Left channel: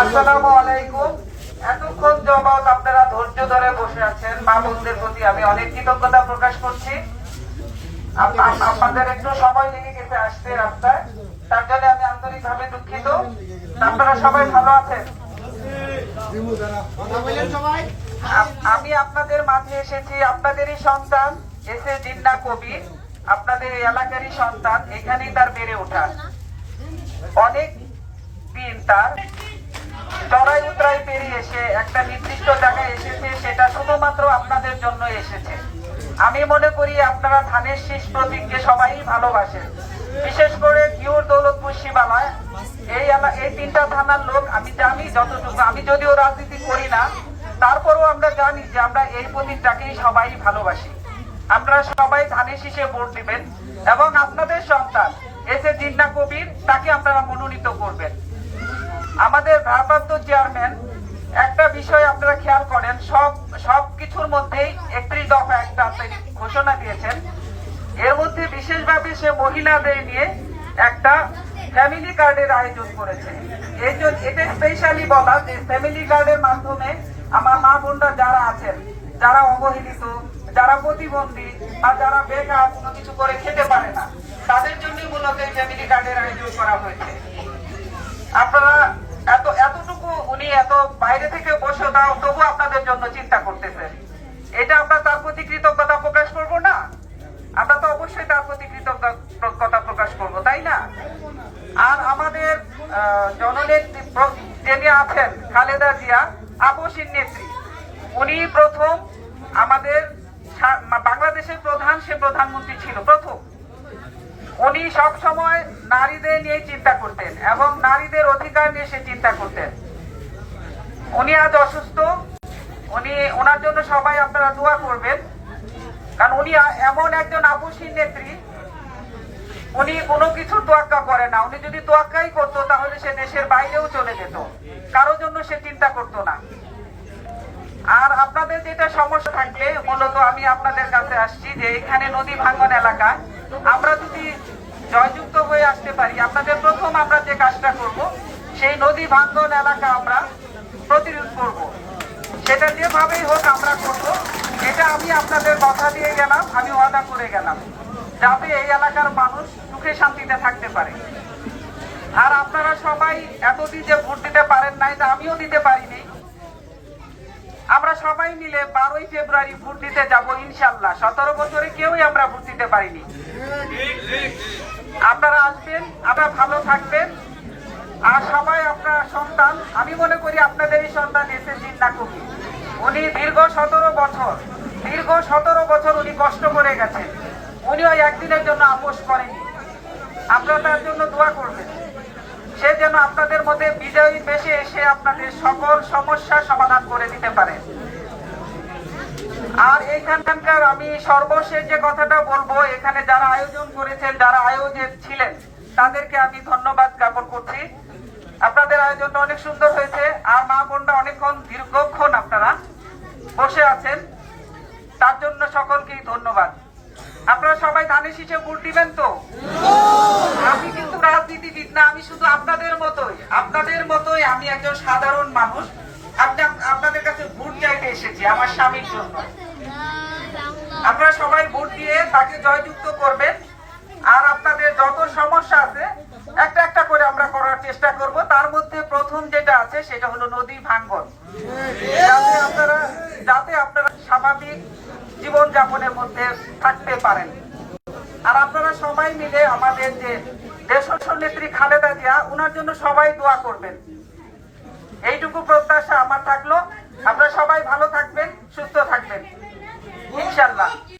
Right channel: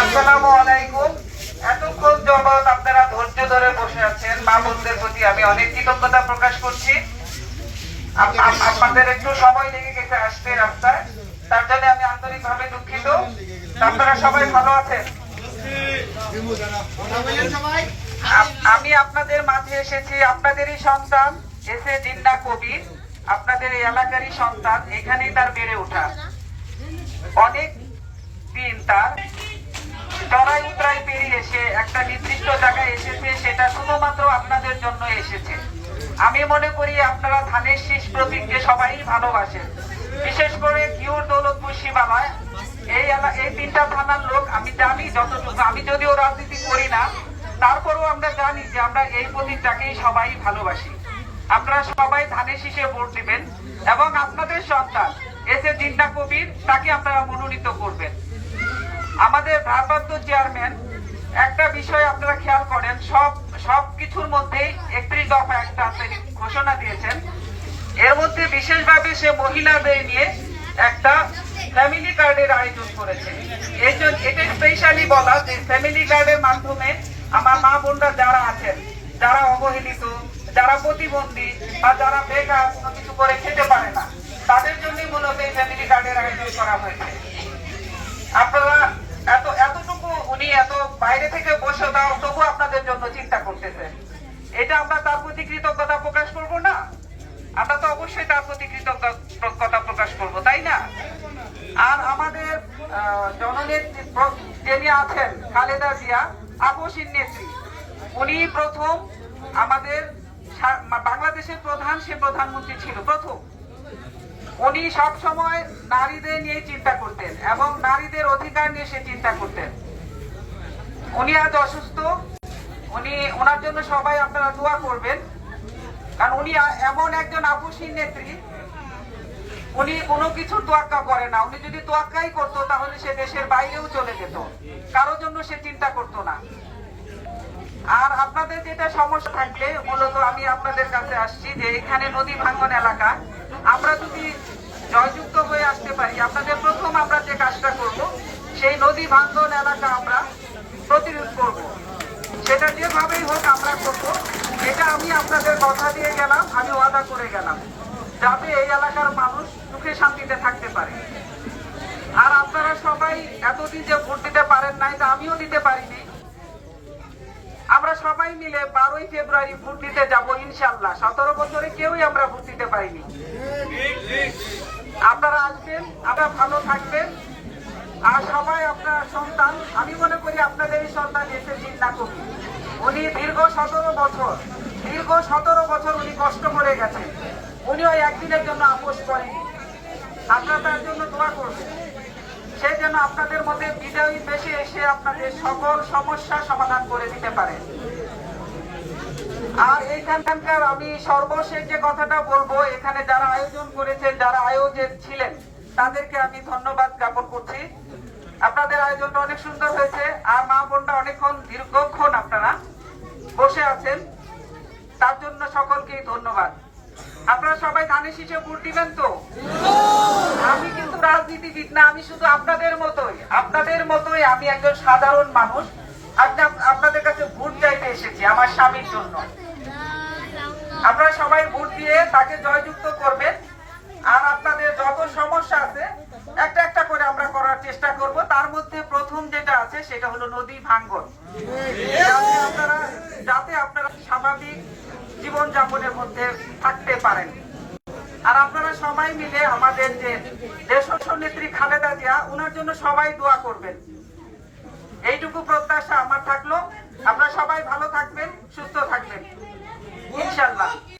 আসসালামু আলাইকুম। এতক্ষণ যাবত আপনারা ধৈর্য ধরে বসে আছেন, মা বোনদের প্রতি আমি অনেক কৃতজ্ঞতা প্রকাশ করছি। আপনাদের একটু সময় লেগে গেছে আসতে রাস্তায়, তার জন্য আমি আন্তরিকভাবে দুঃখিত। আপনারা সবাই ভালো আছেন? আমি আপনাদের মাঝে এসেছি আপনাদেরই সন্তান এস এ জিন্নাহ কবির, আপনাদের এই এলাকারই সন্তান। এখানেই তার বেড়ে ওঠা। অনেক দিন তার চড়াই উতরাই পেরিয়ে এসে একটা নির্দিষ্ট জায়গায় এসেছে, সেটা শুধুমাত্র আপনাদের জন্য এসেছে। আমি মনে করি আপনারা ধানের শীষ প্রতীককে সবাই ভালোবাসেন, বিশেষ করে ঘিওর দৌলতপুর শিবালয় এই তিনটা থানার লোক আমি জানি যতটুকু, আমি যদিও রাজনীতি করি না, তারপরেও আমরা জানি যে আমরা এই প্রতীকটাকেই সবাই ভালোবাসি। আপনারা সবাই ধানের শীষে ভোট দিবেন এবং আপনাদের সন্তান এস এ জিন্নাহ কবির তাকে আপনারা মনোনীত করবেন। আমাদের ভারপ্রাপ্ত চেয়ারম্যান একটা বিষয় আপনারা খেয়াল করেন, সব কিছুর মধ্যেই 31 দফা একটা ঘোষণা দিয়েছেন। এর মধ্যে বিশেষভাবে সে মহিলাদের নিয়ে একটা ফ্যামিলি কার্ডের আয়োজন করেছে। এই জন্য এটা স্পেশালি বলা যে ফ্যামিলি কার্ডের মাধ্যমে আমার মা বোনরা যারা আছেন, যারা অবহেলিত, যারা প্রতিবন্ধী বা যারা বেকার, কোনো কিছু করে খেতে পারে না, তাদের জন্যই মূলত এই ফ্যামিলি কার্ডের আয়োজন করা হয়েছে। আপনারা এতটুকু উনি এত বাইরে থেকে বসে দাও তবু আপনাদের জন্য চিন্তা করতেছেন, এটা আমরা তার প্রতি কৃতজ্ঞতা প্রকাশ করব না? আমরা তো অবশ্যই তার প্রতি কৃতজ্ঞতা প্রকাশ করব, তাই না? আর আমাদের জননেত্রী যিনি আছেন খালেদা জিয়া, আপসীর নেত্রী, উনি প্রথম আমাদের বাংলাদেশের প্রধানমন্ত্রী ছিল প্রথম। উনি সব সময় নারীদের নিয়ে চিন্তা করতেন এবং নারীদের অধিকার নিয়ে সে চিন্তা করতেন। উনি আজ অসুস্থ, ওনার জন্য সবাই আপনারা দোয়া করবেন, কারণ উনি এমন একজন আপসীর নেত্রী, উনি কোনো কিছু তোয়াক্কা করে না। উনি যদি তোয়াক্কাই করতো তাহলে সে দেশের বাইরেও চলে যেত, কারোর জন্য সে চিন্তা করতো না। আর আপনাদের যেটা সমস্যা থাকলে মূলত আমি আপনাদের কাছে আসছি যে এখানে নদী ভাঙ্গন এলাকা আমরা যদি জয়যুক্ত হয়ে আসতে পারি, আপনাদের প্রথম আমরা যে কাজটা করব সেই নদী ভাঙ্গন এলাকা আমরা প্রতিরোধ করব। সেটা যেভাবেই হোক আমরা করব, এটা আমি আপনাদের কথা দিয়ে গেলাম, আমি ওয়াদা করে গেলাম, যাতে এই এলাকার মানুষ সুখে শান্তিতে থাকতে পারে। আর আপনারা সবাই এতদিন যে ভোট দিতে পারেন নাই, তা আমিও দিতে পারিনি। আমরা সবাই মিলে 12ই ফেব্রুয়ারি ভোট দিতে যাব ইনশাল্লাহ। 17 বছরে কেউই আমরা ভোট দিতে পারিনি। আপনারা আসবেন, আপনারা ভালো থাকবেন। আর সবাই আপনার সন্তান, আমি মনে করি আপনাদের এই সন্তান এস এ জিন্নাহ কবির, উনি দীর্ঘ 17 বছর উনি কষ্ট করে গেছেন। উনি ওই একদিনের জন্য আপোষ করেনি। আপনারা তার জন্য দোয়া করবেন, সে যেন আপনাদের মধ্যে বিজয়ী বেশে এসে আপনাদের সকল সমস্যার সমাধান করে দিতে পারে। আর এইখানকার আমি সর্বশেষ যে কথাটা বলবো, এখানে যারা আয়োজন করেছেন, যারা আয়োজক ছিলেন, তাদেরকে আমি ধন্যবাদ জ্ঞাপন করছি। আপনাদের আয়োজনটা অনেক সুন্দর হয়েছে। আর মা বোনরা দীর্ঘক্ষণ আপনারা বসে আছেন, তার জন্য সকলকেই ধন্যবাদ। আপনারা সবাই ধানের শীষে ভোট দিবেন তো? আমি কিন্তু রাজনীতিবিদ না, আমি শুধু আপনাদের মতোই আমি একজন সাধারণ মানুষ। আপনাদের কাছে ভোট চাইতে এসেছি আমার স্বামীর জন্য। আপনারা সবাই ভোট দিয়ে তাকে জয়যুক্ত করবেন। আর আপনাদের যত সমস্যা আছে একটা একটা করে আমরা করার চেষ্টা করব। তার মধ্যে প্রথম যেটা আছে সেটা হলো নদী ভাঙ্গন, যাতে আপনারা স্বাভাবিক জীবন যাপনের মধ্যে থাকতে পারেন। আর আপনারা সবাই মিলে আমাদের যে দেশজ নেত্রী খালেদা জিয়া, ওনার জন্য সবাই দোয়া করবেন। এইটুকু প্রত্যাশা আমার থাকলো। আপনারা সবাই ভালো থাকবেন, সুস্থ থাকবেন ইনশাল্লাহ।